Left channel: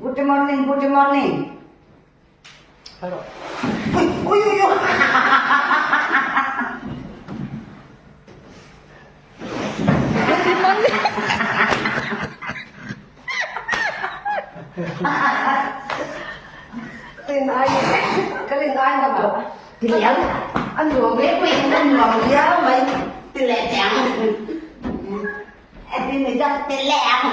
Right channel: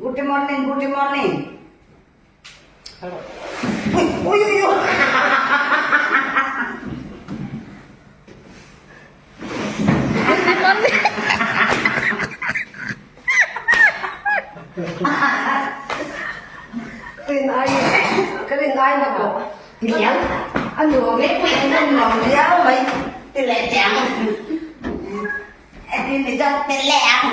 Good morning, good morning. Halo. Uy. Kalian na po. Kilian? Ano, may pwede mo diyaw, may tiletang. Eh, di na dyan, tiletang.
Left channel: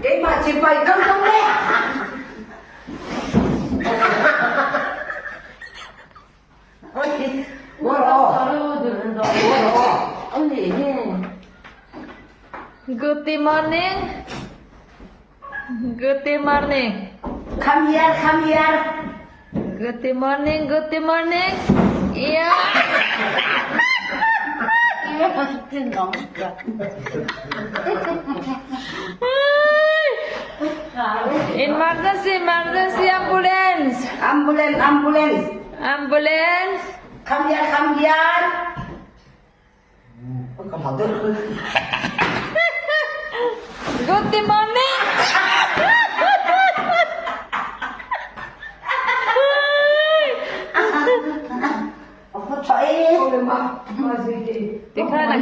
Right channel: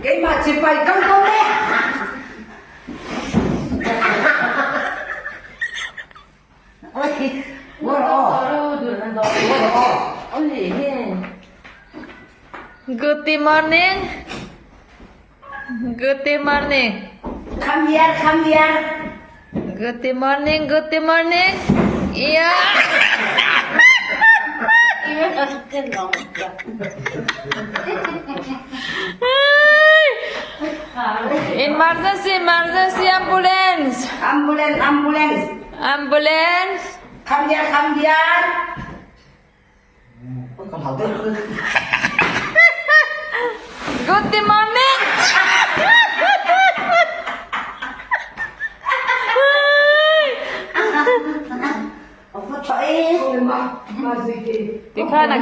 Kay magsipay kang dole. Uy, wala. Good morning. Good morning. Come here, come here. Good morning. Good morning. Iya. Emergency, emergency ambulance. Ambulance, ambulance. Ambulance. Come here, come here. Không học được. Good morning. Không có chơi. Ôi mà gì Tikha na